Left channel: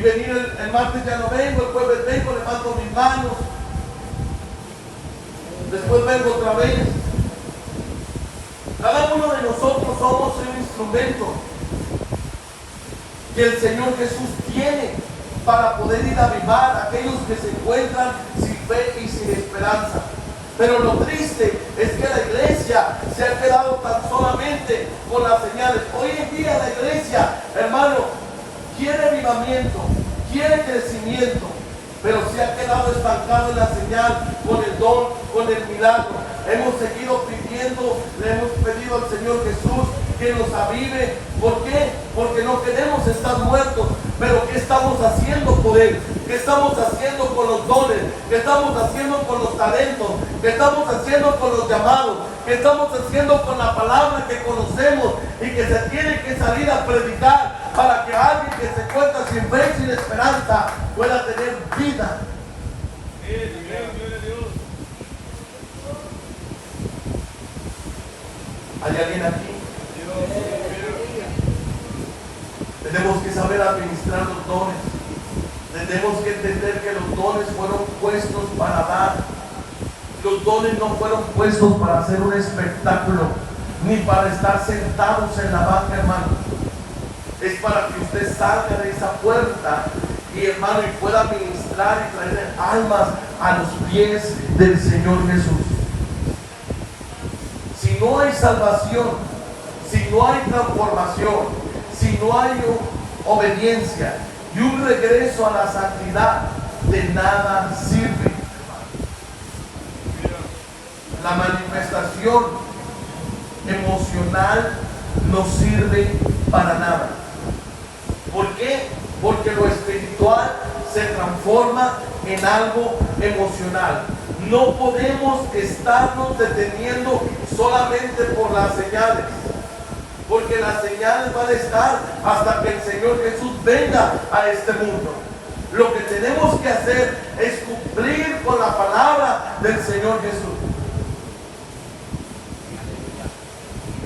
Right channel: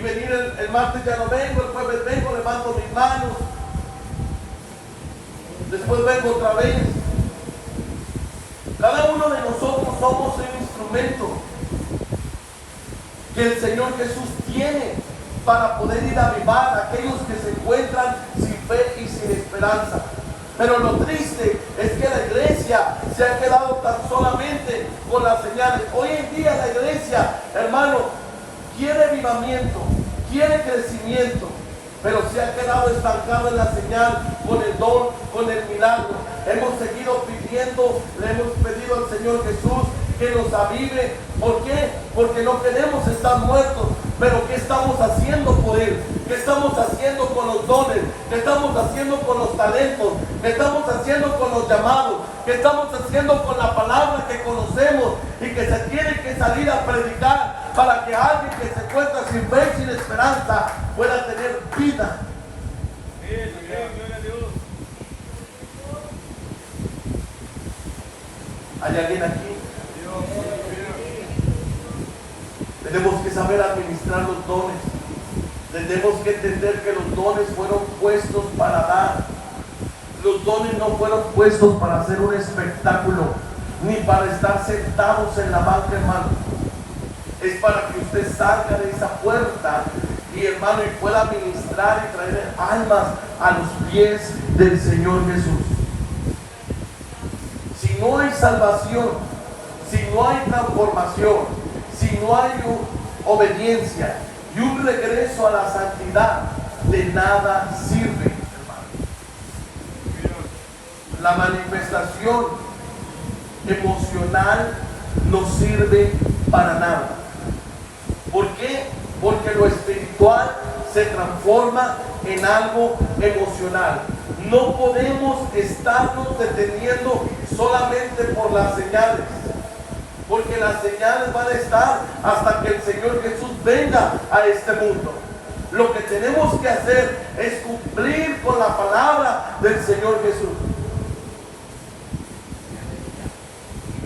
y venir el martes ya no vengo, el jueves vengo, levanto mis manos, después vengo otra vez. Cada uno de nosotros somos un instrumento que el Señor Jesús tiene para poder ir a avivar a aquellos que se encuentran sin fe y sin esperanza. Pero lo triste es que la iglesia se ha quedado tan solamente con las señales. Hoy en día la iglesia, hermano, quiere avivamiento, quiere crecimiento, pero se ha quedado estancado en la señal, con el don, con el milagro. Hemos seguido pidiendo, le hemos pedido al Señor Jesús que nos avive. ¿Por qué? Porque no queremos estar muertos. Pero ¿qué estamos haciendo por Él? ¿Qué estamos haciendo con los dones? ¿Qué estamos haciendo con los talentos? ¿Qué estamos haciendo con los llamados? ¿Qué estamos haciendo con la palabra que conocemos y que se tiene que salir a predicar para que alguien que se encuentra sin fe y sin esperanza pueda tener vida? Bien, gloria a Dios. ¿Hay alguien aquí? Tenemos que saber administrar los dones. Tenemos que entender que los dones fueron puestos para dar. Los dones no fueron puestos para hacer un espectáculo, ni para estar sentados en la banca, hermano. Es para que usted salga de esa puerta y, hermano, y pueda ministrar y traer almas a los pies del Señor Jesús. Si no hay salvación, si no hay transformación, si no hay obediencia y un regreso a la santidad, de nada sirve. La manifestación emocional no sirve para nada. ¿Por qué? Porque lo espiritual se transforma en algo emocional. No podemos estarnos deteniendo solamente por las señales, porque las señales van a estar hasta que el Señor Jesús venga a este mundo. Lo que tenemos que hacer es cumplir con la palabra del Señor Jesús.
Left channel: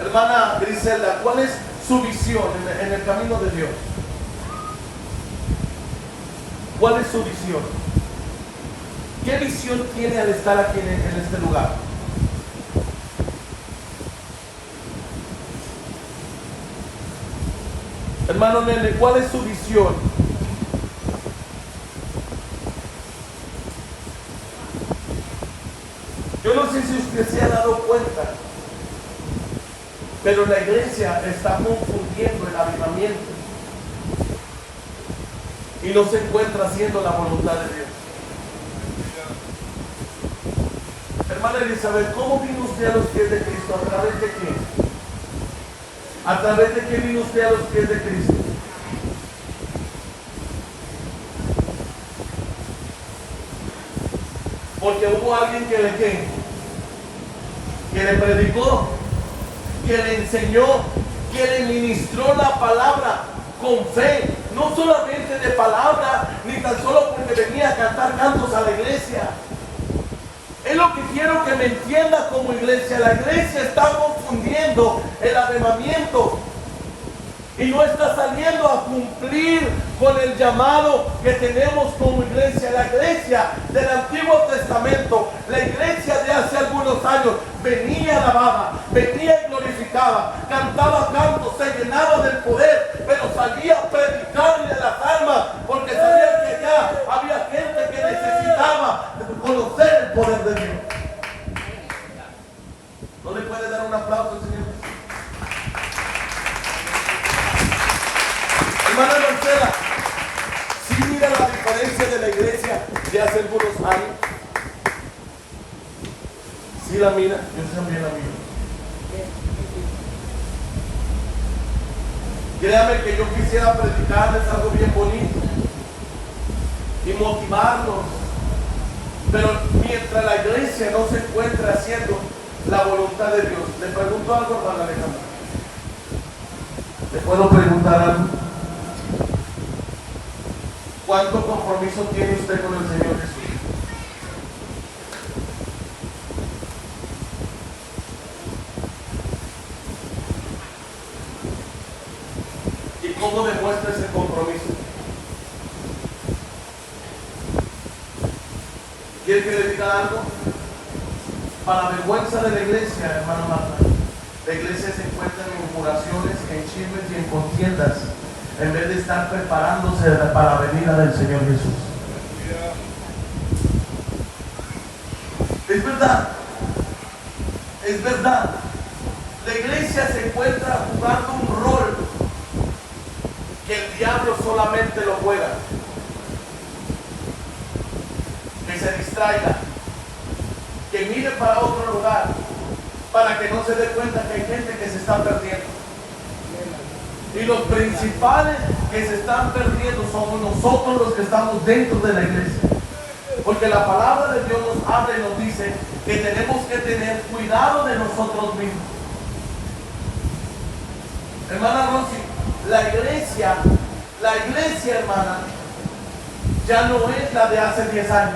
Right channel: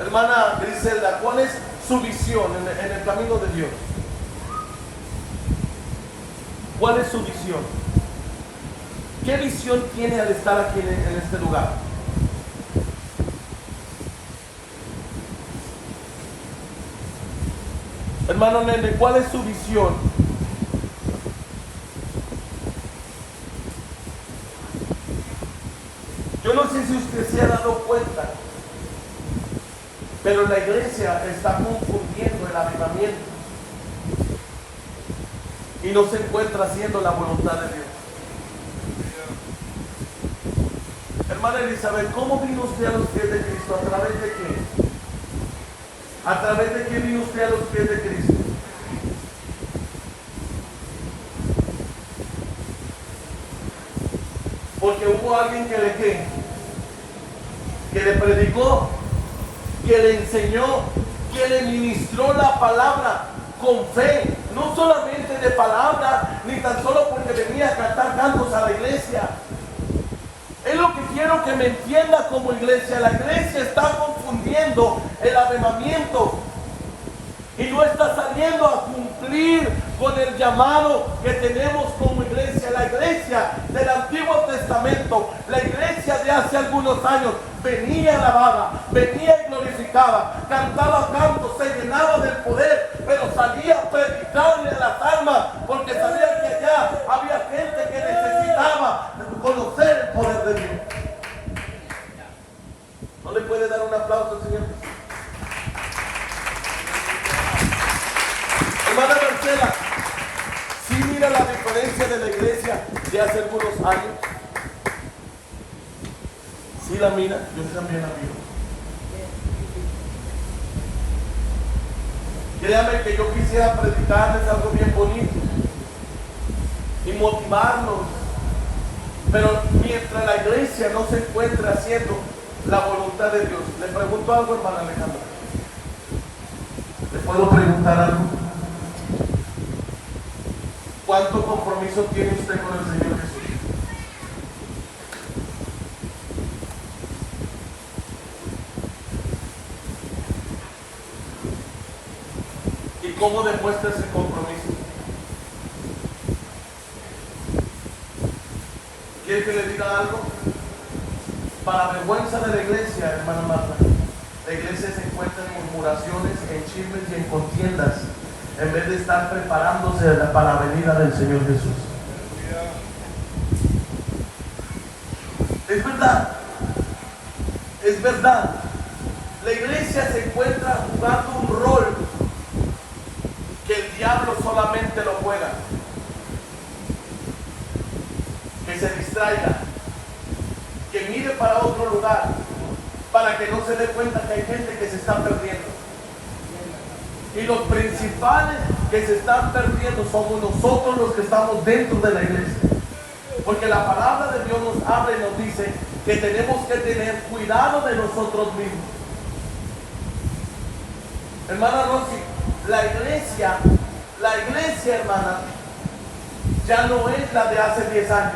Hermana Griselda, ¿cuál es su visión en el camino de Dios? ¿Cuál es su visión? ¿Qué visión tiene al estar aquí en este lugar? Hermano Nene, ¿cuál es su visión? Yo no sé si usted se ha dado cuenta, pero la iglesia está confundiendo el avivamiento y no se encuentra haciendo la voluntad de Dios. Hermana Elizabeth, ¿cómo vino usted a los pies de Cristo? ¿A través de qué? ¿A través de qué vino usted a los pies de Cristo? Porque hubo alguien que le predicó, que le enseñó, que le ministró la palabra con fe, no solamente de palabra, ni tan solo porque venía a cantar cantos a la iglesia. Es lo que quiero que me entienda como iglesia. La iglesia está confundiendo el avivamiento y no está saliendo a cumplir con el llamado que tenemos como iglesia. La iglesia del Antiguo Testamento, la iglesia de hace algunos años, venía alabada, venía y glorificaba, cantaba cantos, se llenaba del poder, pero salía a predicarle a las almas, porque sabía que allá había gente que necesitaba conocer el poder de Dios. ¿No le puede dar un aplauso, Señor? Hermana Marcela, ¿sí mira la diferencia de la iglesia de hace algunos años? ¿Sí la mira? Yo también la miro. Créame que yo quisiera predicarles algo bien bonito y motivarlos, pero mientras la iglesia no se encuentra haciendo la voluntad de Dios. Le pregunto algo, hermana Alejandra. ¿Le puedo preguntar algo? ¿Cuánto compromiso tiene usted con el Señor Jesús? ¿Y cómo demuestra ese compromiso? ¿Quiere que le diga algo? Para vergüenza de la iglesia, hermano Marta, la iglesia se encuentra en murmuraciones, en chismes y en contiendas, en vez de estar preparándose para la venida del Señor Jesús. Es verdad, es verdad. La iglesia se encuentra jugando un rol que el diablo solamente lo juega. Que se distraiga, que mire para otro lugar, para que no se dé cuenta que hay gente que se está perdiendo. Y los principales que se están perdiendo somos nosotros los que estamos dentro de la iglesia. Porque la palabra de Dios nos habla y nos dice que tenemos que tener cuidado de nosotros mismos. Hermana Rosy, la iglesia, hermana, ya no es la de hace 10 años.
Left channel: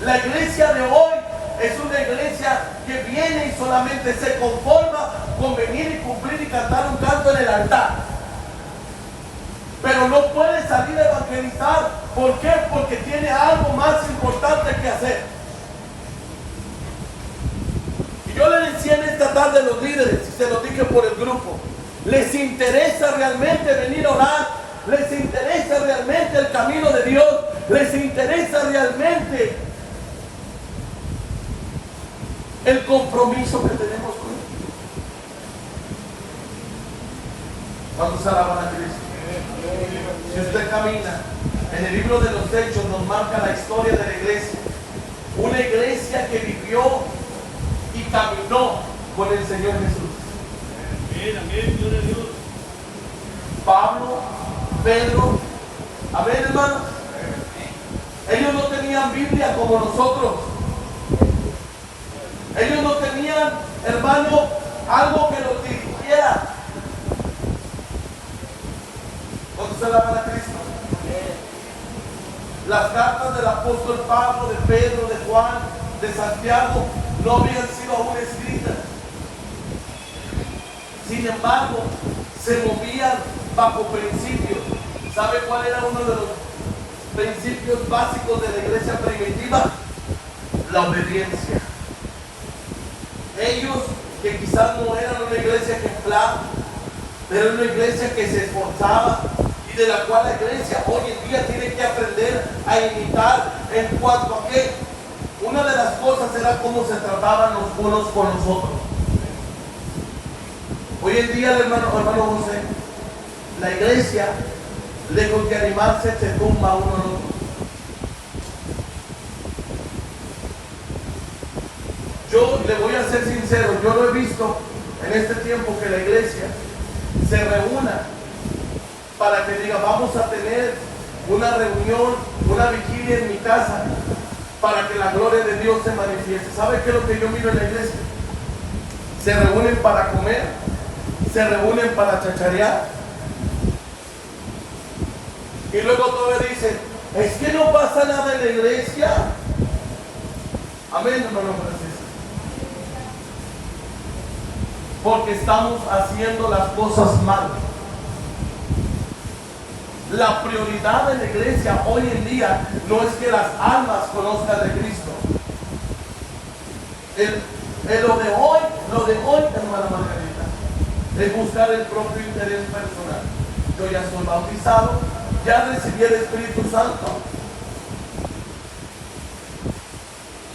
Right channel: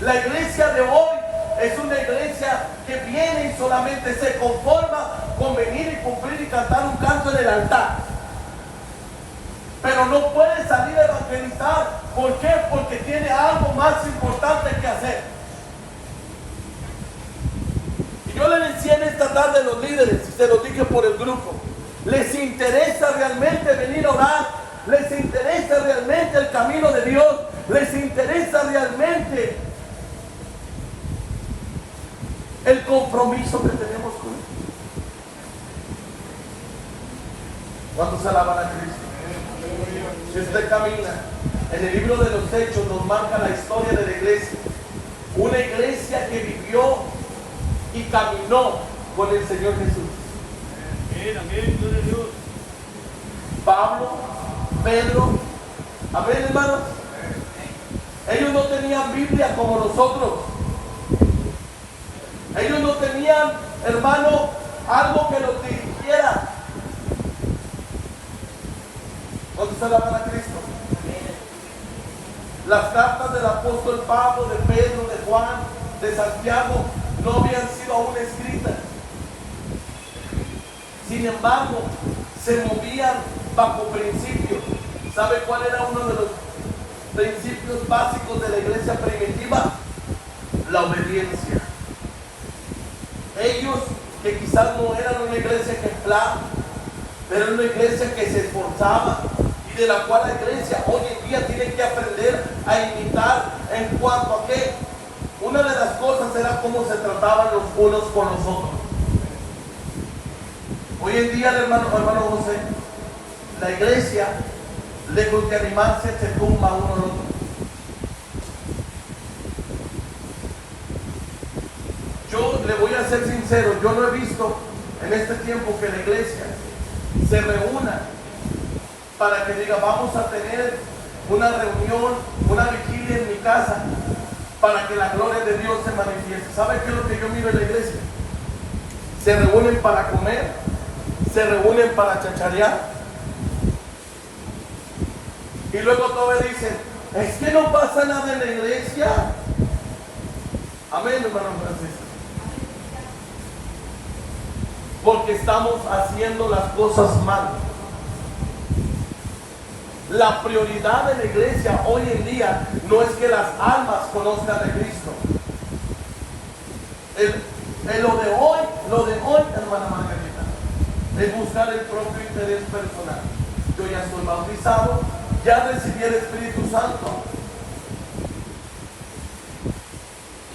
La iglesia de hoy es una iglesia que viene y solamente se conforma con venir y cumplir y cantar un canto en el altar. Pero no puede salir a evangelizar. ¿Por qué? Porque tiene algo más importante que hacer. Y yo le decía en esta tarde a los líderes, y se lo dije por el grupo, ¿les interesa realmente venir a orar? ¿Les interesa realmente el camino de Dios? ¿Les interesa realmente el compromiso que tenemos con Él? ¿Cuántos alaban a Cristo? Si usted camina en el libro de los Hechos, nos marca la historia de la iglesia. Una iglesia que vivió y caminó con el Señor Jesús. Amén, gloria a Dios. Pablo, Pedro, amén, hermanos. Ellos no tenían Biblia como nosotros. Ellos no tenían, hermano, algo que los dirigiera. ¿Dónde se alaban a Cristo? Las cartas del apóstol Pablo, de Pedro, de Juan, de Santiago, no habían sido aún escritas. Sin embargo, se movían bajo principios. ¿Sabe cuál era uno de los principios básicos de la iglesia primitiva? La obediencia. Ellos, que quizás no eran una iglesia ejemplar, era una iglesia que se esforzaba y de la cual la iglesia hoy en día tiene que aprender a imitar en cuanto a que una de las cosas era cómo se trataban los unos con los otros. Hoy en día, hermano José, la iglesia, lejos de animarse, se tumba uno al otro. Yo le voy a ser sincero, yo no he visto en este tiempo que la iglesia se reúna para que diga, vamos a tener una reunión, una vigilia en mi casa para que la gloria de Dios se manifieste. ¿Sabe qué es lo que yo miro en la iglesia? Se reúnen para comer, se reúnen para chacharear y luego todavía dicen, es que no pasa nada en la iglesia. Amén, hermano, gracias. Porque estamos haciendo las cosas mal. La prioridad de la iglesia hoy en día no es que las almas conozcan de Cristo. Lo de hoy, hermana Margarita, es buscar el propio interés personal. Yo ya estoy bautizado, ya recibí el Espíritu Santo.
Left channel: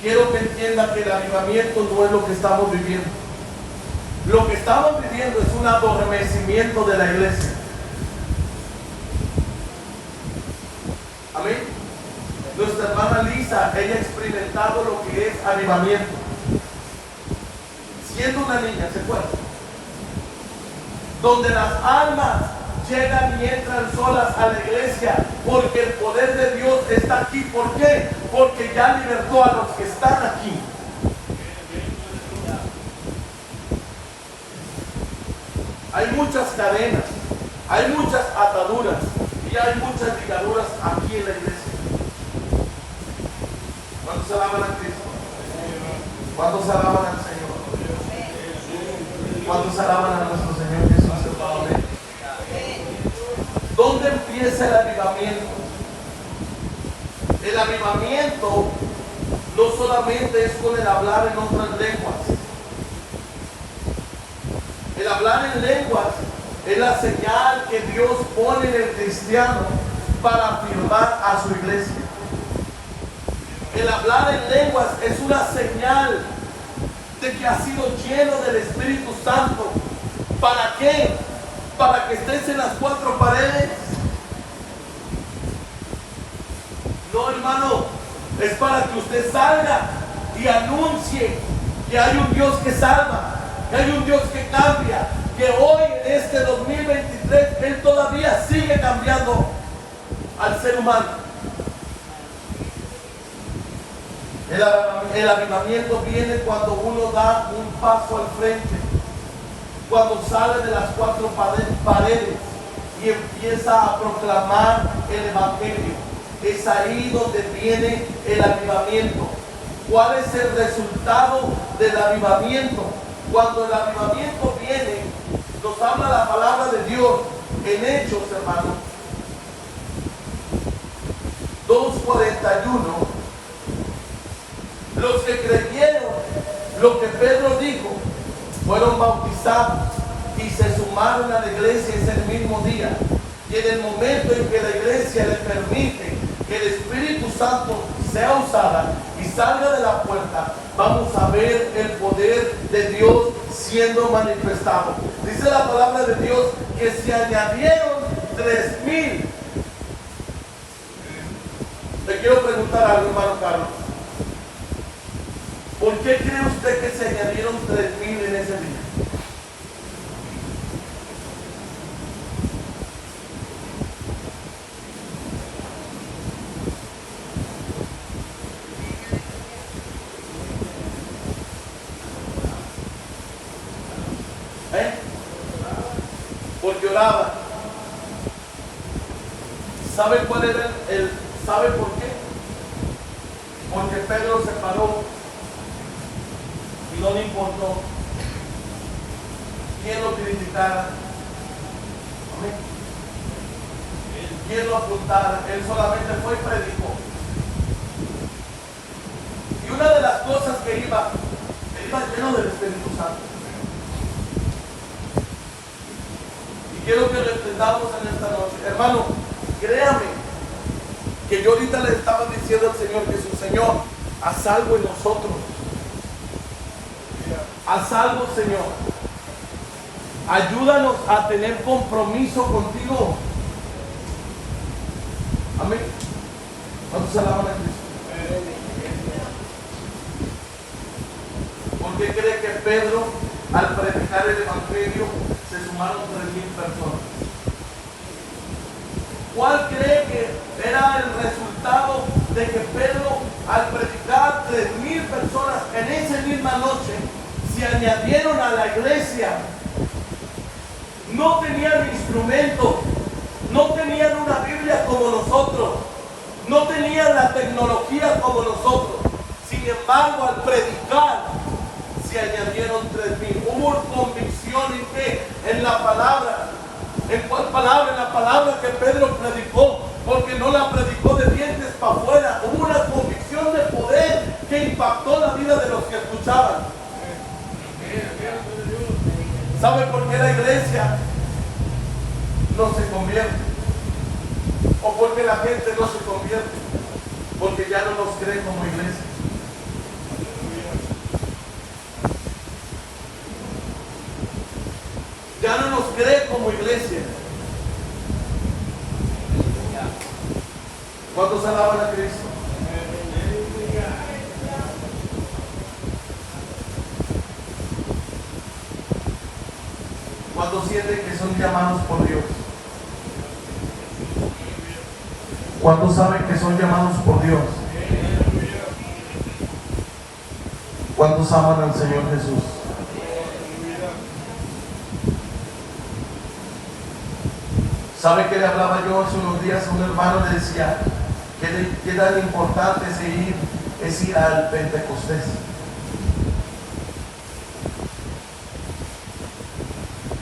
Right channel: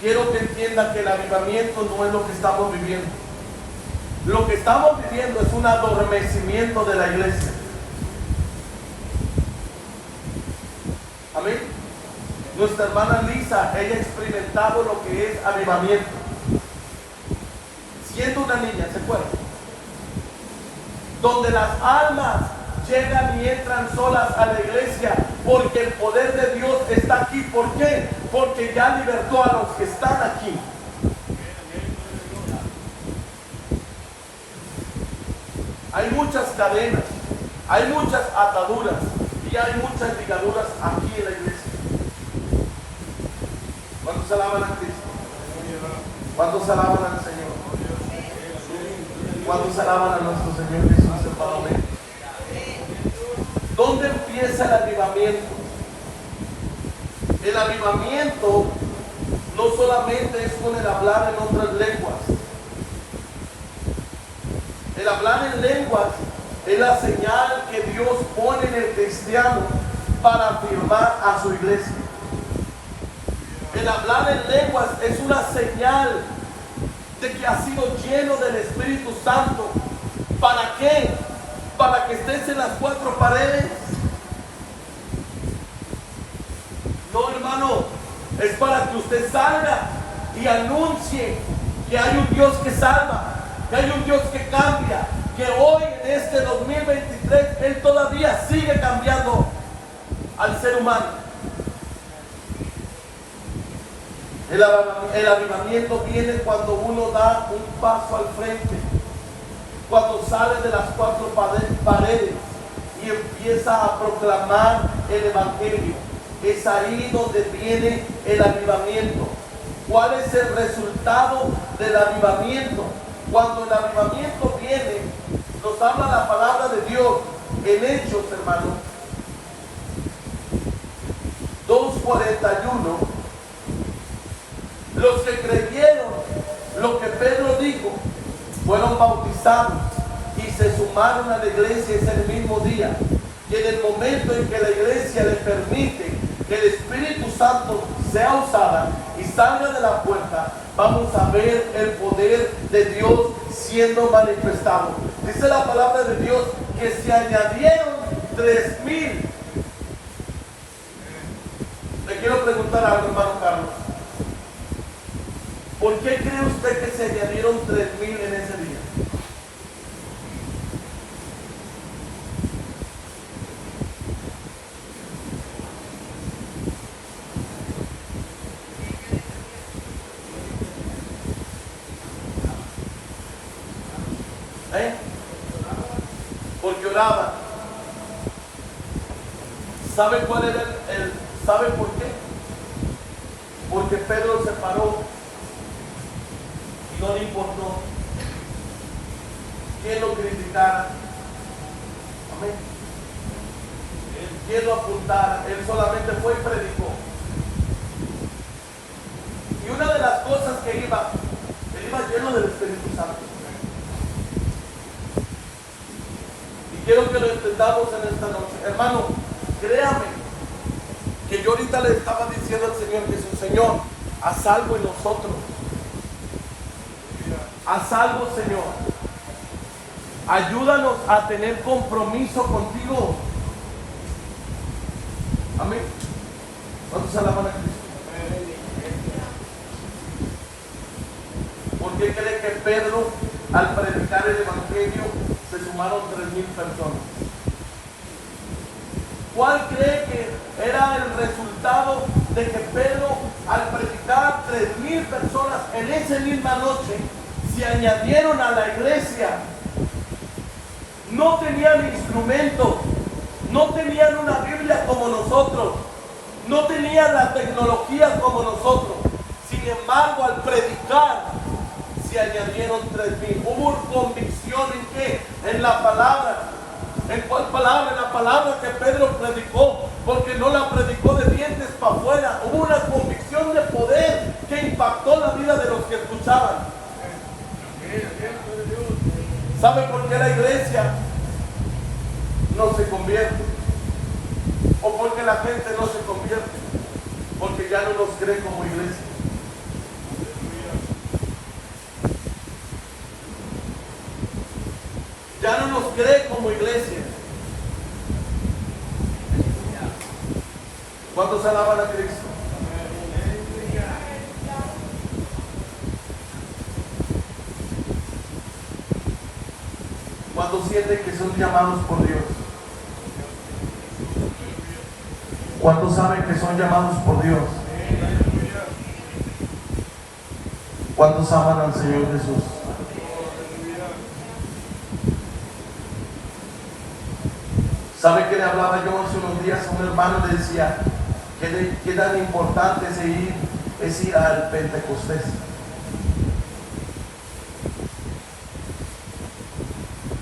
Quiero que entienda que el avivamiento no es lo que estamos viviendo. Lo que estamos viviendo es un adormecimiento de la iglesia. Amén. Nuestra hermana Lisa, ella ha experimentado lo que es avivamiento. Siendo una niña, se fue. Donde las almas llegan y entran solas a la iglesia, porque el poder de Dios está aquí. ¿Por qué? Porque ya libertó a los que están aquí. Hay muchas cadenas, hay muchas ataduras y hay muchas ligaduras aquí en la iglesia. ¿Cuántos alaban a Cristo? ¿Cuántos alaban al Señor? ¿Cuántos alaban a nuestro Señor Jesús? ¿Dónde empieza el avivamiento? es con el hablar en otras lenguas. El hablar en lenguas es la señal que Dios pone en el cristiano para afirmar a su iglesia. El hablar en lenguas es una señal de que ha sido lleno del Espíritu Santo. ¿Para qué? Para que estés en las cuatro paredes. No, hermano, es para que usted salga y anuncie que hay un Dios que salva, que hay un Dios que cambia, que hoy en este 2023 Él todavía sigue cambiando al ser humano. El avivamiento viene cuando uno da un paso al frente, cuando sale de las cuatro paredes y empieza a proclamar el Evangelio. Es ahí donde viene el avivamiento. ¿Cuál es el resultado del avivamiento? Cuando el avivamiento viene, nos habla la palabra de Dios en Hechos, hermano 2:41. Los que creyeron lo que Pedro dijo fueron bautizados y se sumaron a la iglesia ese mismo día. Y en el momento en que la iglesia le permite que el Espíritu Santo sea usada y salga de la puerta, vamos a ver el poder de Dios siendo manifestado. Dice la palabra de Dios que se añadieron 3,000. Le quiero preguntar algo, hermano Carlos. ¿Por qué cree usted que se añadieron 3,000 en ese día? Porque oraban. ¿Sabe cuál era sabe por qué? Porque Pedro se paró y no le importó quién lo criticara, amén, quién lo apuntara. Él solamente fue y predicó. Y una de las cosas que él iba lleno del Espíritu Santo. Y quiero que lo entendamos en esta noche, hermano. Créame que yo ahorita le estaba diciendo al Señor Jesús: Señor, haz algo en nosotros. Haz algo, Señor. Ayúdanos a tener compromiso contigo. Amén. ¿Cuántos alaban a Cristo? ¿Por qué cree que Pedro, al predicar el Evangelio, se sumaron 3,000 personas? ¿Cuál cree que era el resultado de que Pedro, al predicar 3,000 personas en esa misma noche, se añadieron a la iglesia? No tenían instrumentos, no tenían una Biblia como nosotros, no tenían la tecnología como nosotros. Sin embargo, al predicar, se añadieron 3,000. Hubo convicción en qué? En la palabra. ¿En cuál palabra? En la palabra que Pedro predicó, porque no la predicó de dientes para afuera. Hubo una convicción de poder que impactó la vida de los que escuchaban. ¿Sabe por qué la iglesia no se convierte? ¿O por qué la gente no se convierte? Porque ya no nos cree como iglesia. Ya no nos cree como iglesia. ¿Cuántos alaban a Cristo? ¿Cuántos sienten que son llamados por Dios? ¿Cuántos saben que son llamados por Dios? ¿Cuántos aman al Señor Jesús? ¿Sabe qué le hablaba yo hace unos días a un hermano? Le decía qué tan importante es ir al Pentecostés.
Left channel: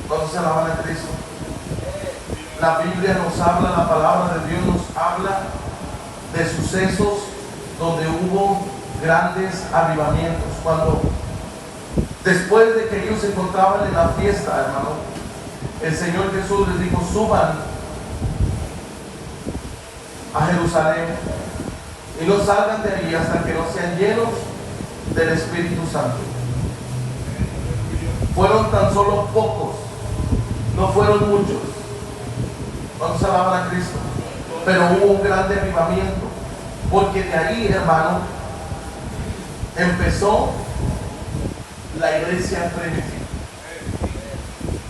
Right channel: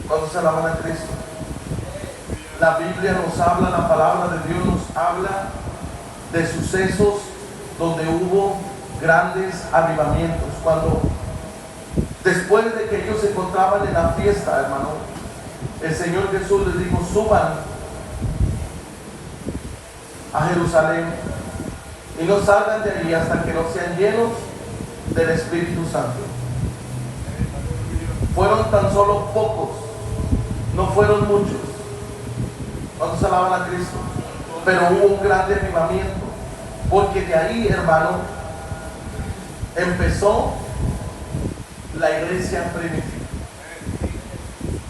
¿Cuántos alaban a Cristo? La Biblia nos habla, la palabra de Dios nos habla de sucesos donde hubo grandes avivamientos. Cuando después de que ellos se encontraban en la fiesta, hermano, el Señor Jesús les dijo: suban a Jerusalén y no salgan de allí hasta que no sean llenos del Espíritu Santo. Fueron tan solo pocos, no fueron muchos. ¿Cuántos alaban a Cristo? Pero hubo un grande avivamiento, porque de ahí, hermano, empezó la iglesia primitiva.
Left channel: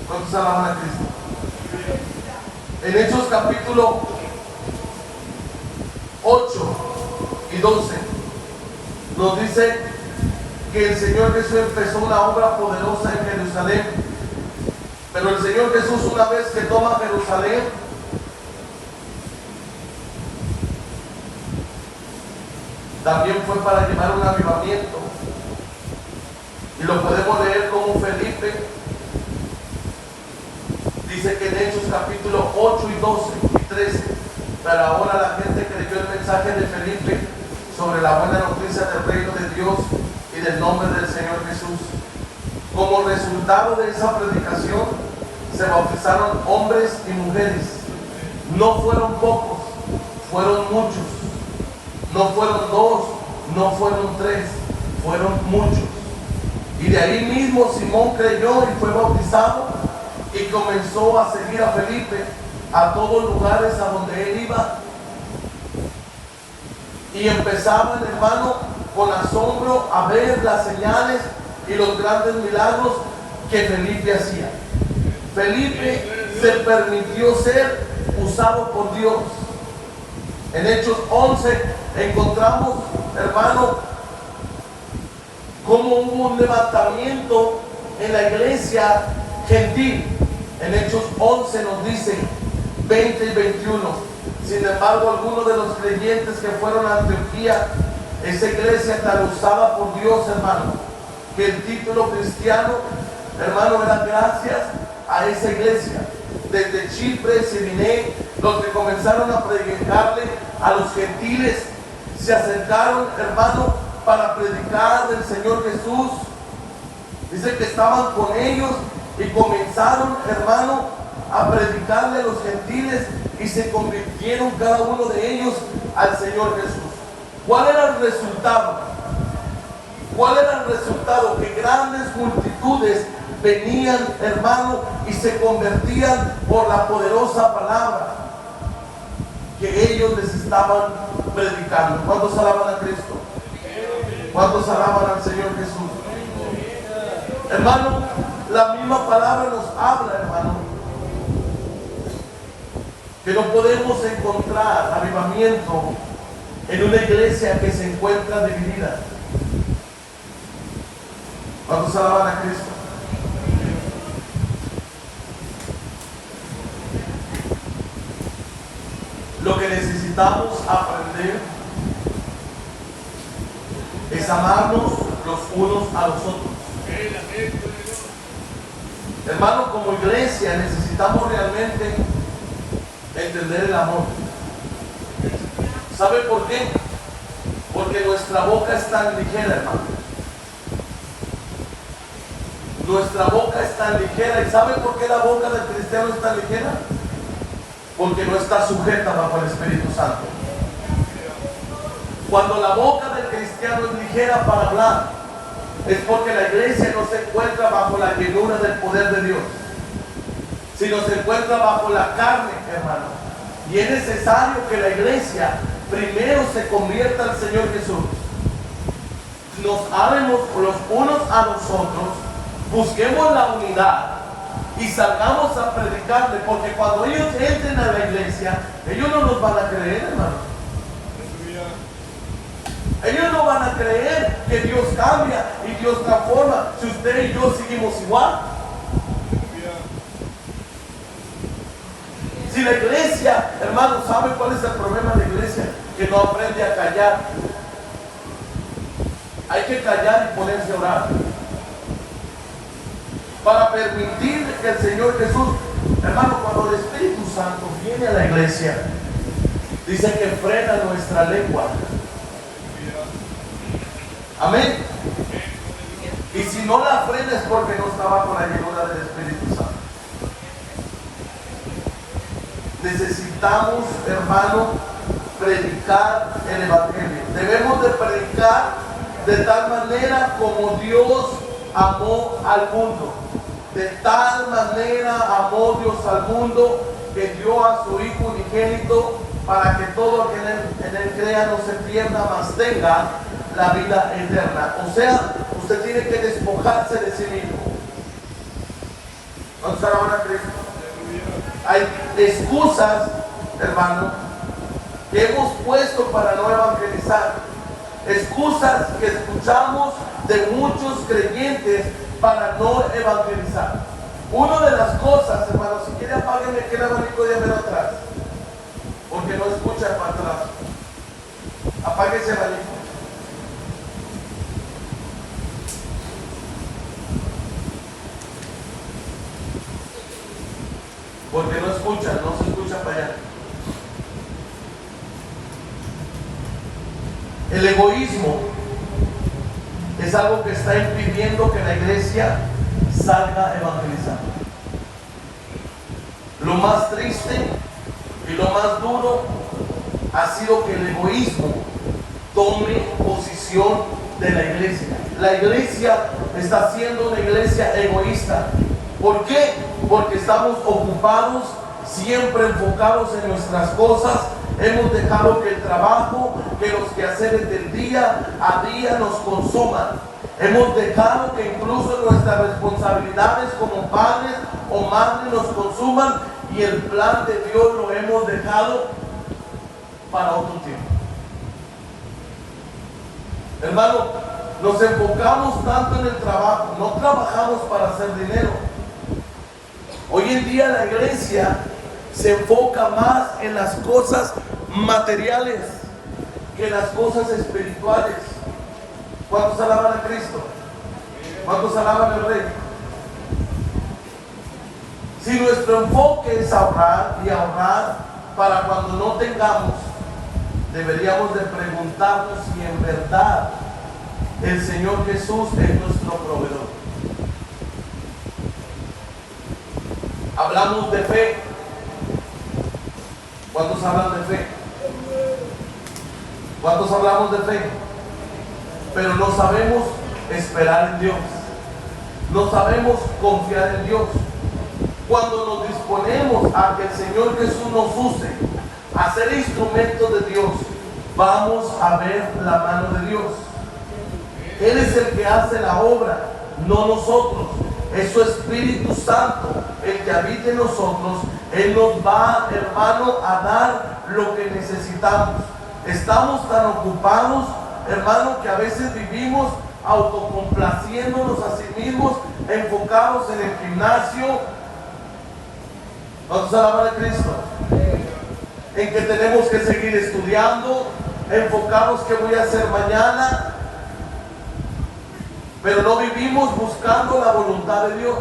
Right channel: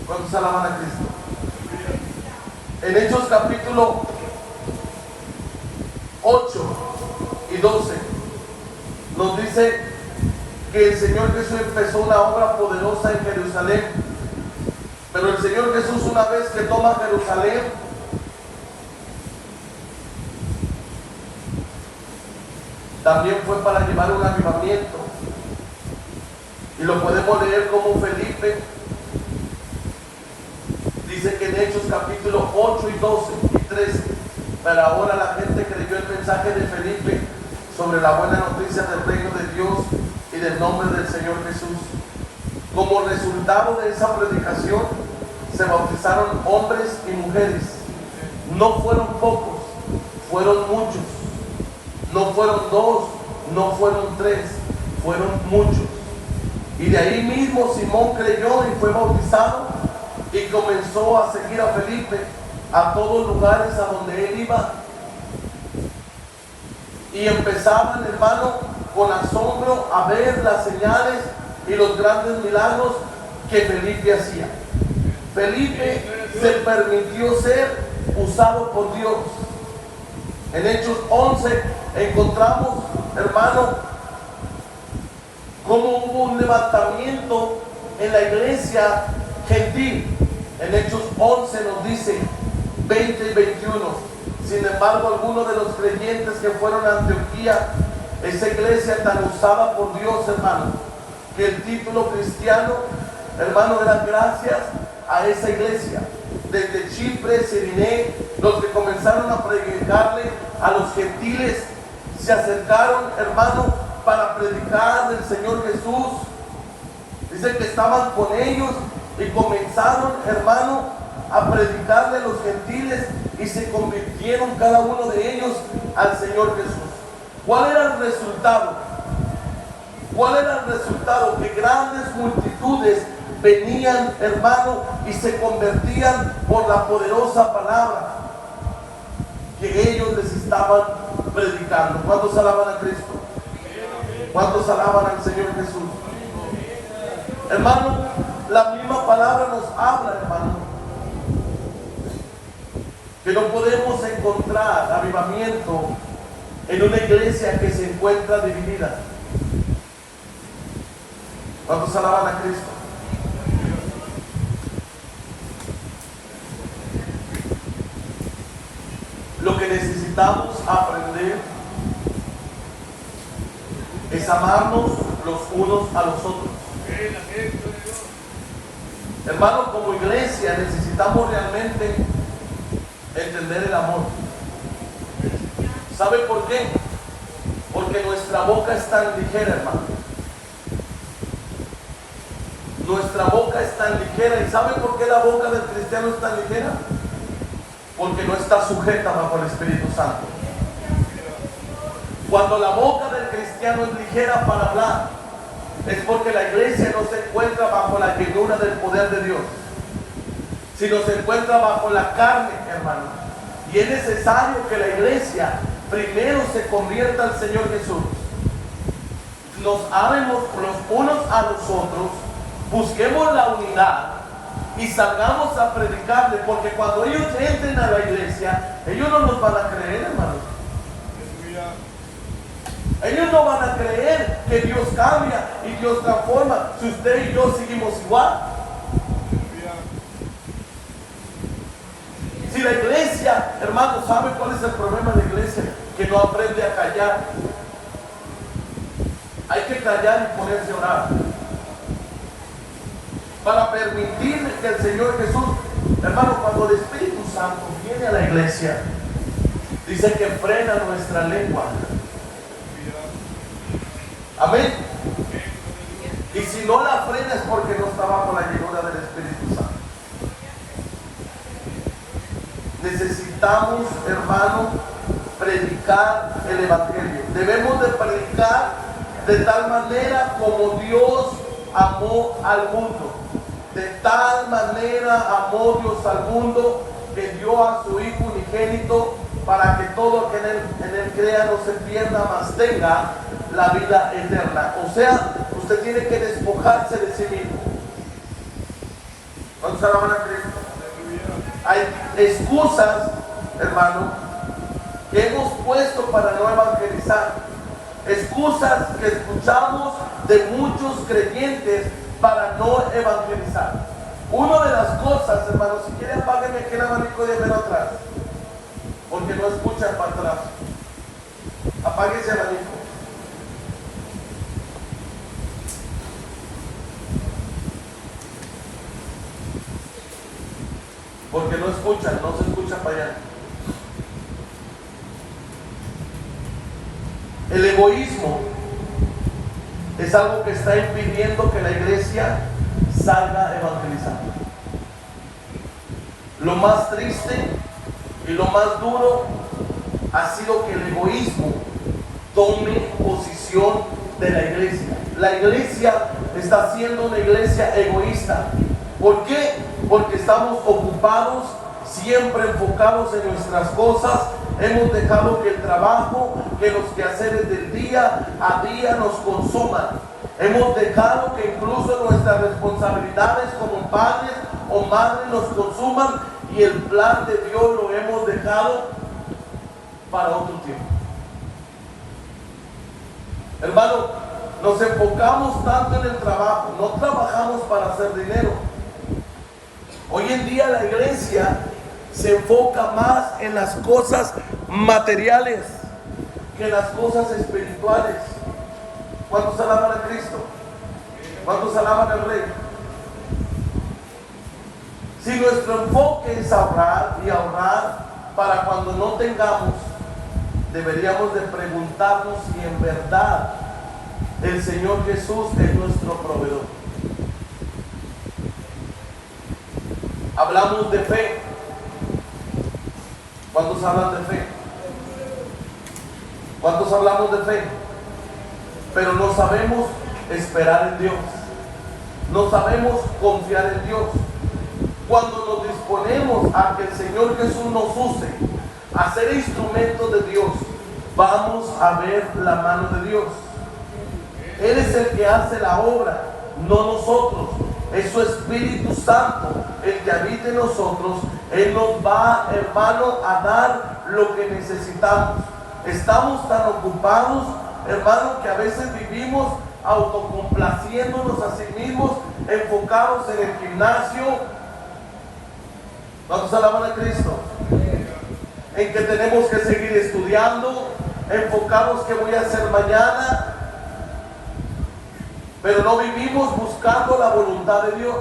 ¿Cuántos alaban a Cristo? En Hechos capítulo 8 y 12 nos dice que el Señor Jesús empezó una obra poderosa en Jerusalén. Pero el Señor Jesús, una vez que toma Jerusalén, también fue para llevar un avivamiento. Y lo podemos leer como Felipe dice que en Hechos capítulo 8 y 12 y 13, para ahora la gente creyó el mensaje de Felipe sobre la buena noticia del reino de Dios y del nombre del Señor Jesús. Como resultado de esa predicación se bautizaron hombres y mujeres. No fueron pocos, fueron muchos. No fueron dos, no fueron tres, fueron muchos. Y de ahí mismo Simón creyó y fue bautizado y comenzó a seguir a Felipe a todos los lugares a donde él iba. Y empezaban, hermano, con asombro a ver las señales y los grandes milagros que Felipe hacía. Felipe se permitió ser usado por Dios. En Hechos 11 encontramos, hermano, cómo hubo un levantamiento en la iglesia gentil. En Hechos 11 nos dice 20 y 21. Sin embargo, algunos de los creyentes que fueron a Antioquía, esa iglesia tan usada por Dios, hermano, que el título cristiano, hermano, era gracias a esa iglesia. Desde Chipre, Sirene, donde comenzaron a predicarle a los gentiles, se acercaron, hermano, para predicar del Señor Jesús. Dice que estaban con ellos y comenzaron, hermano, a predicarle a los gentiles y se convirtieron cada uno de ellos al Señor Jesús. ¿Cuál era el resultado? ¿Cuál era el resultado? Que grandes multitudes venían, hermano, y se convertían por la poderosa palabra que ellos les estaban predicando. ¿Cuántos alaban a Cristo? ¿Cuántos alaban al Señor Jesús? Hermano, la misma palabra nos habla, hermano, que no podemos encontrar avivamiento en una iglesia que se encuentra dividida. ¿Cuántos alaban a Cristo? Lo que necesitamos aprender es amarnos los unos a los otros. Hermano, como iglesia necesitamos realmente entender el amor. ¿Sabe por qué? Porque nuestra boca es tan ligera, hermano. Nuestra boca es tan ligera. ¿Y sabe por qué la boca del cristiano es tan ligera? Porque no está sujeta bajo el Espíritu Santo. Cuando la boca del cristiano es ligera para hablar, es porque la iglesia no se encuentra bajo la llenura del poder de Dios, sino se encuentra bajo la carne, hermano. Y es necesario que la iglesia primero se convierta al Señor Jesús. Nos amemos los unos a los otros, busquemos la unidad y salgamos a predicarle, porque cuando ellos entren a la iglesia, ellos no nos van a creer, hermano. Ellos no van a creer que Dios cambia y Dios transforma si usted y yo seguimos igual. Si la iglesia, hermano, ¿sabe cuál es el problema de la iglesia? Que no aprende a callar. Hay que callar y ponerse a orar para permitir que el Señor Jesús, hermano, cuando el Espíritu Santo viene a la iglesia, dice que frena nuestra lengua. Amén. Y si no la frena es porque no está bajo la llenura del Espíritu Santo. Necesitamos, hermano, predicar el Evangelio. Debemos de predicar de tal manera como Dios amó al mundo. De tal manera amó Dios al mundo que dio a su Hijo unigénito para que todo que en él crea no se pierda, mas tenga la vida eterna. O sea, usted tiene que despojarse de sí mismo. ¿Cuántos alaban a Cristo? Hay excusas, hermano, que hemos puesto para no evangelizar. Excusas que escuchamos de muchos creyentes para no evangelizar. Una de las cosas, hermano, si quiere apágueme que el abanico de ver atrás, porque no escucha para atrás. Apáguese el abanico. Porque no escucha, no se escucha para allá. El egoísmo es algo que está impidiendo que la iglesia salga a evangelizar. Lo más triste y lo más duro ha sido que el egoísmo tome posición de la iglesia. La iglesia está siendo una iglesia egoísta. ¿Por qué? Porque estamos ocupados, siempre enfocados en nuestras cosas. Hemos dejado que el trabajo, que los quehaceres del día a día nos consuman. Hemos dejado que incluso nuestras responsabilidades como padres o madres nos consuman, y el plan de Dios lo hemos dejado para otro tiempo. Hermano, nos enfocamos tanto en el trabajo, no trabajamos para hacer dinero. Hoy en día la iglesia se enfoca más en las cosas materiales que en las cosas espirituales. ¿Cuántos alaban a Cristo? ¿Cuántos alaban al Rey? Si nuestro enfoque es ahorrar y ahorrar para cuando no tengamos, deberíamos de preguntarnos si en verdad el Señor Jesús es nuestro proveedor. Hablamos de fe. ¿Cuántos hablan de fe? ¿Cuántos hablamos de fe? Pero no sabemos esperar en Dios. No sabemos confiar en Dios. Cuando nos disponemos a que el Señor Jesús nos use a ser instrumentos de Dios, vamos a ver la mano de Dios. Él es el que hace la obra, no nosotros. Es su Espíritu Santo el que habita en nosotros. Él nos va, hermano, a dar lo que necesitamos. Estamos tan ocupados, hermano, que a veces vivimos autocomplaciéndonos a sí mismos, enfocados en el gimnasio. ¿Cuántos alaban a Cristo? En que tenemos que seguir estudiando, enfocados que voy a hacer mañana, pero no vivimos buscando la voluntad de Dios.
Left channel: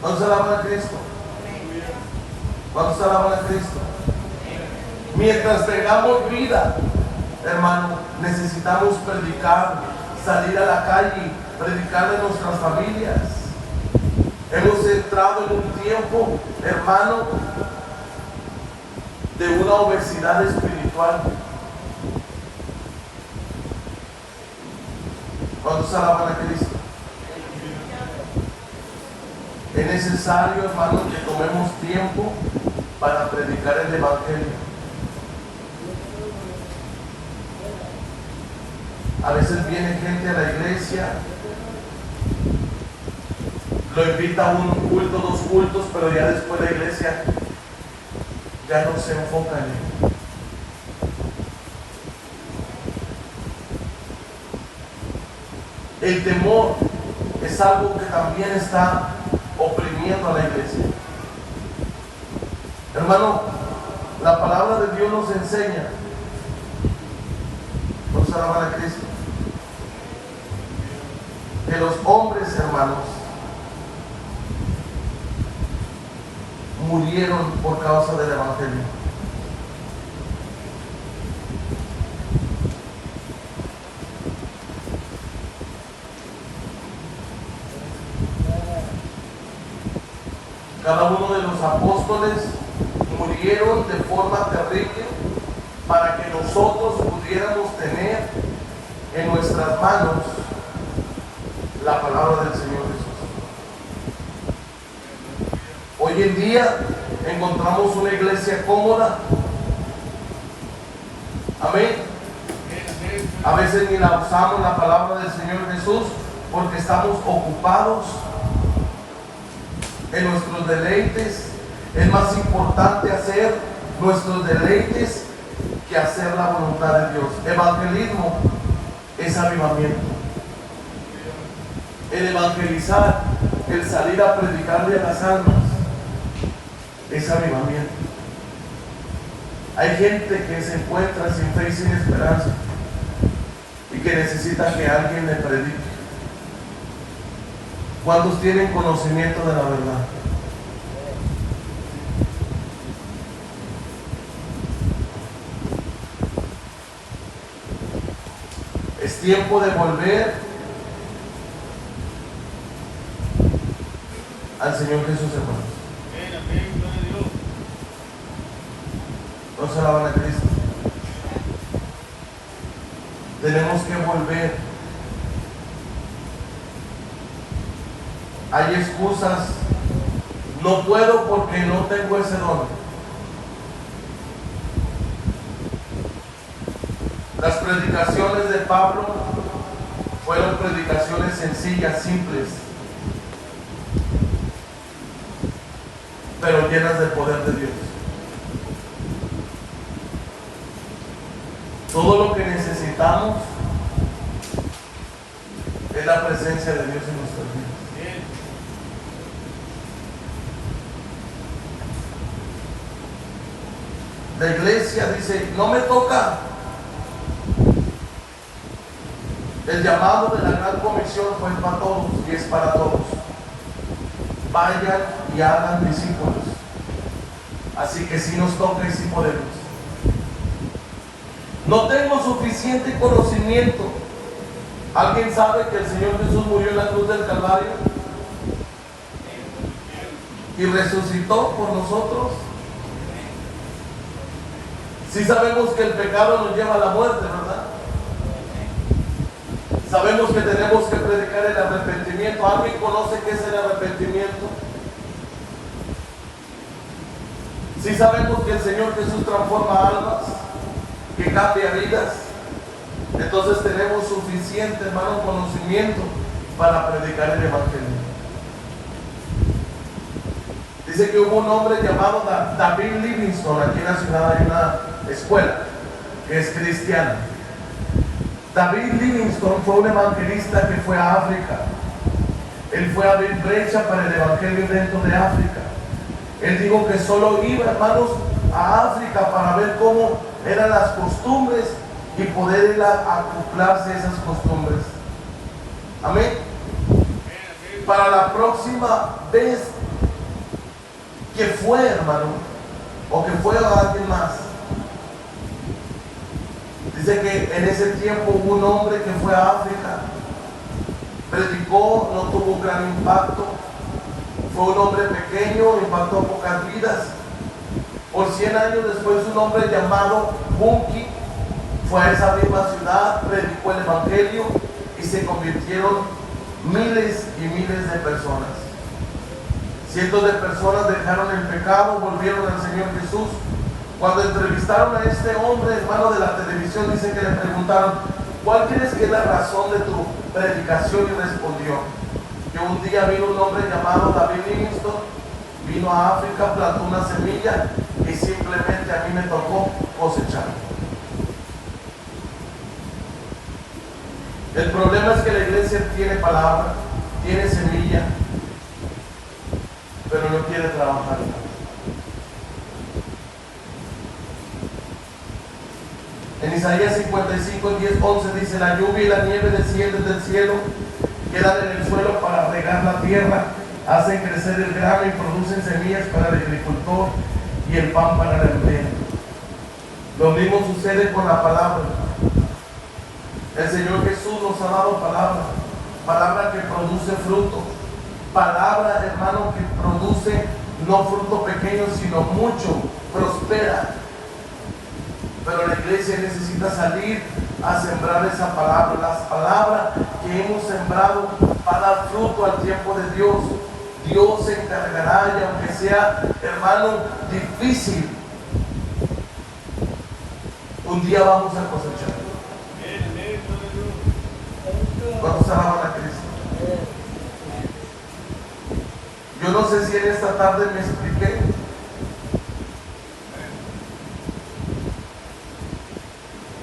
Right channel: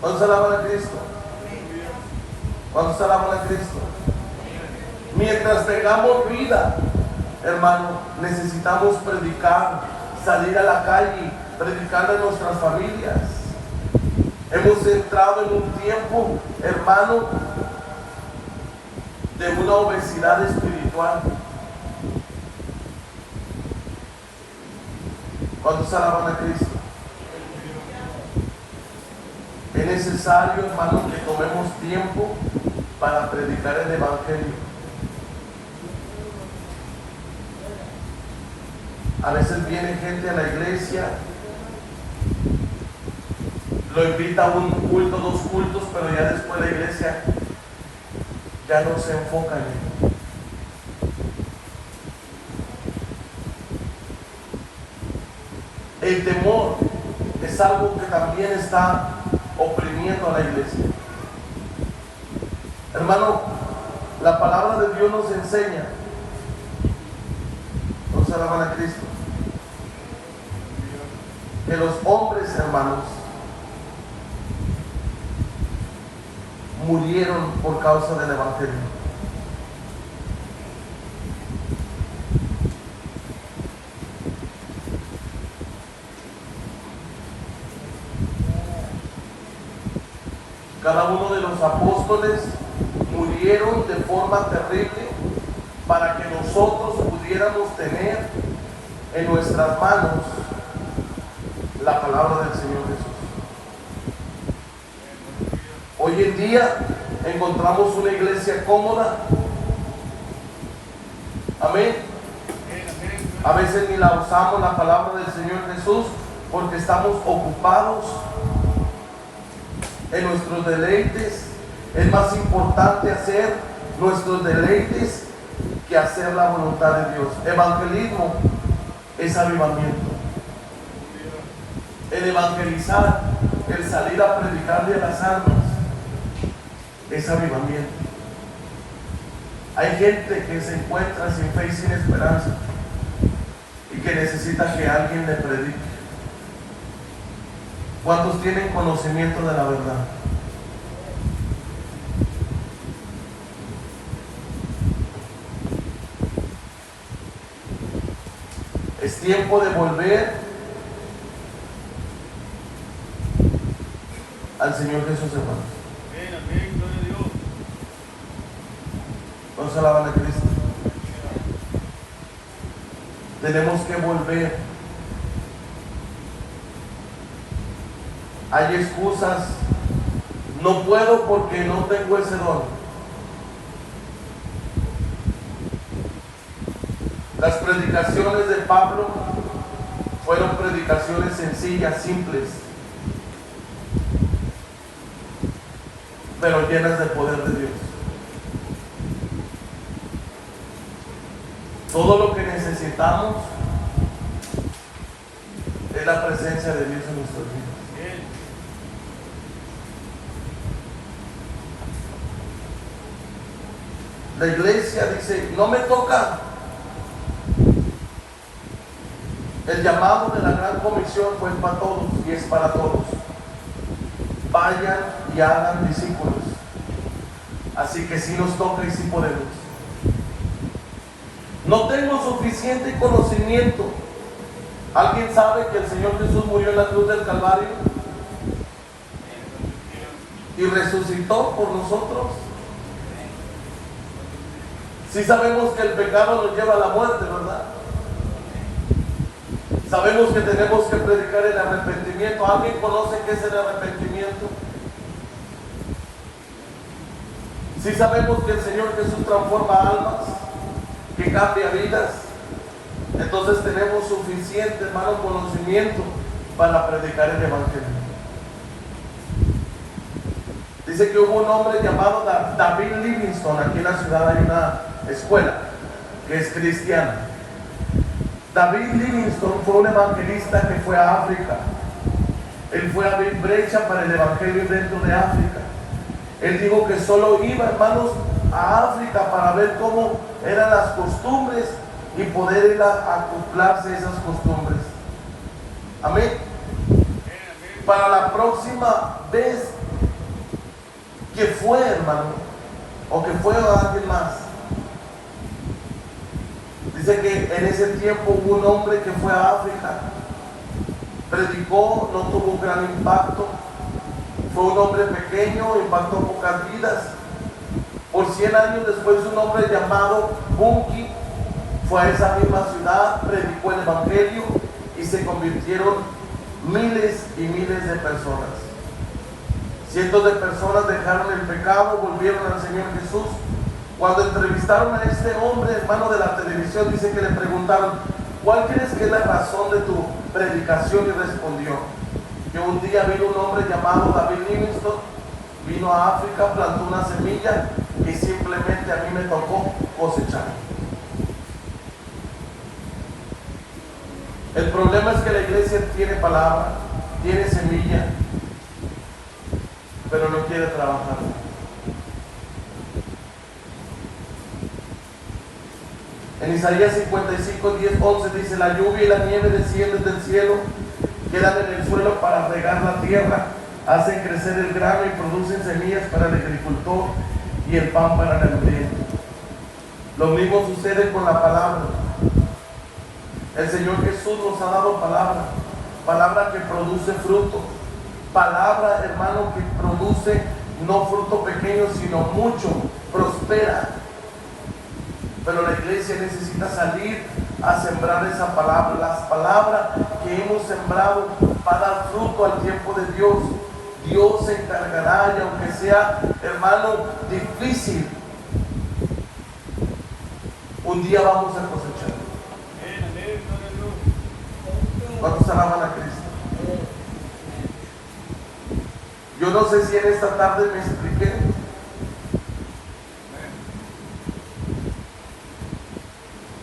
¿Cuántos alaban a Cristo? ¿Cuántos alaban a Cristo? Mientras tengamos vida, hermano, necesitamos predicar, salir a la calle, predicar a nuestras familias. Hemos entrado en un tiempo, hermano, de una obesidad espiritual. ¿Cuántos alaban a Cristo? Es necesario, hermano, que tomemos tiempo para predicar el Evangelio. A veces viene gente a la iglesia, lo invita a un culto, 2 cultos, pero ya después la iglesia ya no se enfoca en él. El temor es algo que también está oprimiendo a la iglesia. Hermano, la palabra de Dios nos enseña, nos alaban a Cristo, que los hombres, hermanos, murieron por causa del Evangelio. Cada uno de los apóstoles murieron de forma terrible para que nosotros pudiéramos tener en nuestras manos la palabra del Señor Jesús. Hoy en día encontramos una iglesia cómoda. Amén. A veces ni la usamos la palabra del Señor Jesús porque estamos ocupados en nuestros deleites. Es más importante hacer nuestros deleites que hacer la voluntad de Dios. Evangelismo es avivamiento. El evangelizar, el salir a predicarle a las almas, es avivamiento. Hay gente que se encuentra sin fe y sin esperanza y que necesita que alguien le predique. ¿Cuántos tienen conocimiento de la verdad? Es tiempo de volver al Señor Jesús, hermanos. Amén, gloria a Dios. No se van a Cristo. Tenemos que volver. Hay excusas. No puedo porque no tengo ese don. Las predicaciones de Pablo fueron predicaciones sencillas, simples, pero llenas del poder de Dios. Todo lo que necesitamos es la presencia de Dios en nuestras vidas. La iglesia dice, no me toca. El llamado de la gran comisión fue para todos y es para todos. Vayan y hagan discípulos. Así que si nos toca y si podemos. No tengo suficiente conocimiento. ¿Alguien sabe que el Señor Jesús murió en la cruz del Calvario? Y resucitó por nosotros. Sí sabemos que el pecado nos lleva a la muerte, ¿verdad? Sabemos que tenemos que predicar el arrepentimiento. ¿Alguien conoce qué es el arrepentimiento? Sí sabemos que el Señor Jesús transforma almas, que cambia vidas. Entonces tenemos suficiente, hermano, conocimiento para predicar el Evangelio. Dice que hubo un hombre llamado David Livingstone. Aquí en la ciudad hay una escuela que es cristiana. David Livingstone fue un evangelista que fue a África. Él fue a abrir brecha para el evangelio dentro de África. Él dijo que solo iba, hermanos, a África para ver cómo eran las costumbres y poder ir a acoplarse a esas costumbres. Amén. Para la próxima vez que fue, hermano, o que fue a alguien más, dice que en ese tiempo hubo un hombre que fue a África, predicó, no tuvo un gran impacto, fue un hombre pequeño, impactó pocas vidas. Por 100 años después, un hombre llamado Bunky fue a esa misma ciudad, predicó el Evangelio y se convirtieron miles y miles de personas. Cientos de personas dejaron el pecado, volvieron al Señor Jesús. Cuando entrevistaron a este hombre, hermano, de la televisión, dicen que le preguntaron, ¿cuál crees que es la razón de tu predicación? Y respondió, que un día vino un hombre llamado David Livingstone, vino a África, plantó una semilla y simplemente a mí me tocó cosechar. El problema es que la iglesia tiene palabra, tiene semilla, pero no quiere trabajar. En Isaías 55, 10, 11 dice, la lluvia y la nieve descienden del cielo, quedan en el suelo para regar la tierra, hacen crecer el grano y producen semillas para el agricultor y el pan para el alimento. Lo mismo sucede con la palabra. El Señor Jesús nos ha dado palabra, palabra que produce fruto, palabra, hermano, que produce no fruto pequeño, sino mucho, prospera. Pero la iglesia necesita salir a sembrar esa palabra, las palabras que hemos sembrado para dar fruto al tiempo de Dios. Dios se encargará, y aunque sea, hermano, difícil, un día vamos a cosechar. ¿Cuántos alaban a Cristo? Yo no sé si en esta tarde me expliqué.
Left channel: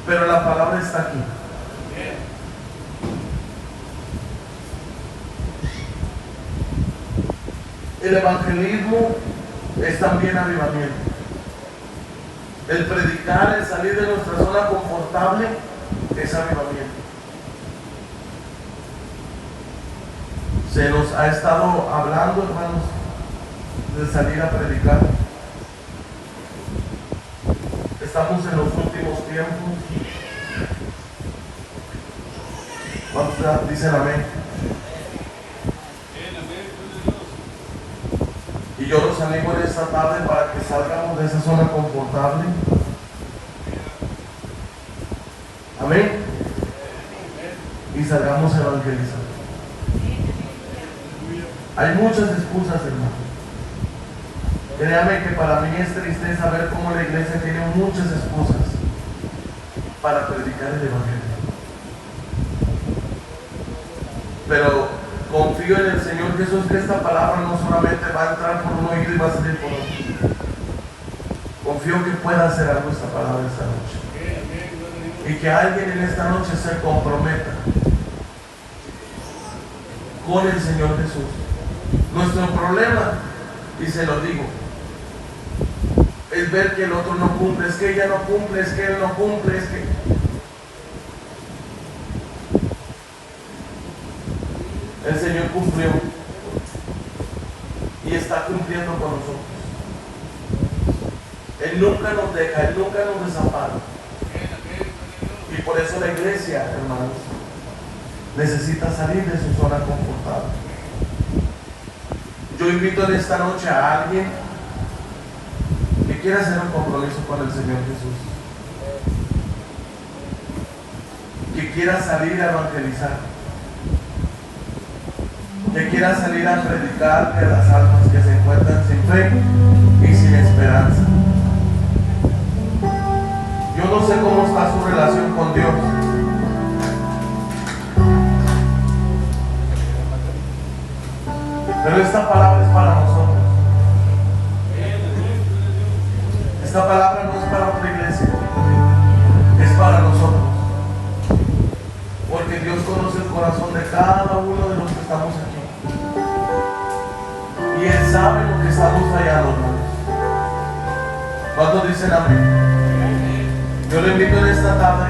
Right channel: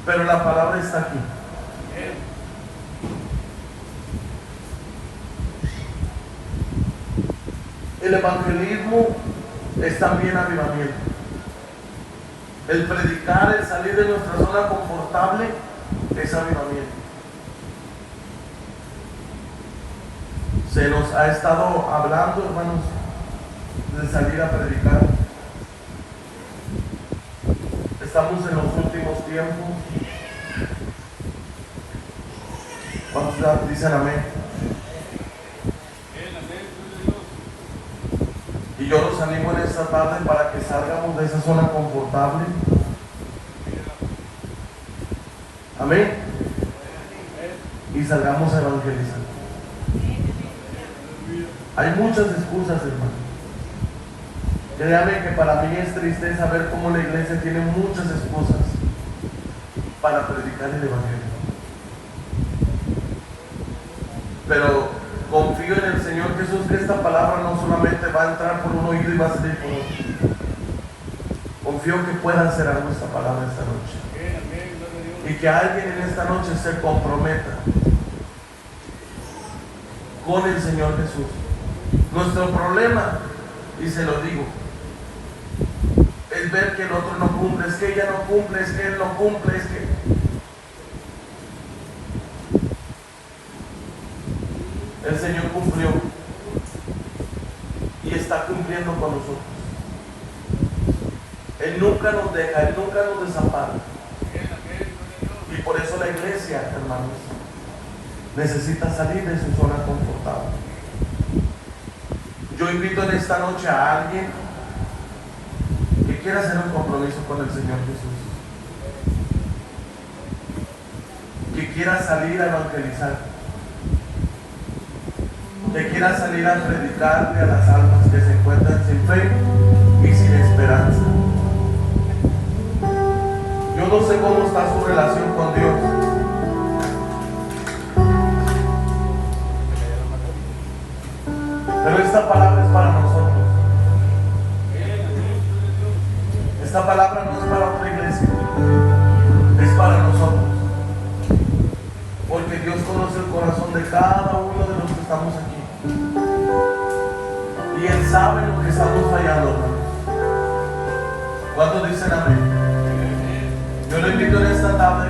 Pero la palabra está aquí. El evangelismo es también avivamiento. El predicar, el salir de nuestra zona confortable es avivamiento. Se nos ha estado hablando, hermanos, de salir a predicar. Estamos en los últimos tiempos. Vamos a decir amén. Y yo los animo en esta tarde para que salgamos de esa zona confortable. Amén. Y salgamos a evangelizar. Hay muchas excusas, hermano. Créame que para mí es tristeza ver cómo la iglesia tiene muchas excusas para predicar el evangelio. Pero confío en el Señor Jesús que esta palabra no solamente va a entrar por un oído y va a salir por otro. Confío que pueda hacer algo esta palabra esta noche. Y que alguien en esta noche se comprometa con el Señor Jesús. Nuestro problema, y se lo digo, es ver que el otro no cumple, es que ella no cumple, es que él no cumple, es que... El Señor cumplió y está cumpliendo con nosotros. Él nunca nos deja, Él nunca nos desampara. Y por eso la iglesia, hermanos, necesita salir de su zona confortable. Yo invito en esta noche a alguien que quiera hacer un compromiso con el Señor Jesús, que quiera salir a evangelizar, que quiera salir a predicar a las almas que se encuentran sin fe y sin esperanza. Yo no sé cómo está su relación con Dios, pero esta palabra es para nosotros. Esta palabra no es para otra iglesia, es para nosotros, porque Dios conoce el corazón de cada uno de los que estamos aquí. Y Él sabe lo que estamos fallando, hermanos. ¿Cuántos dicen amén? Yo le invito en esta tarde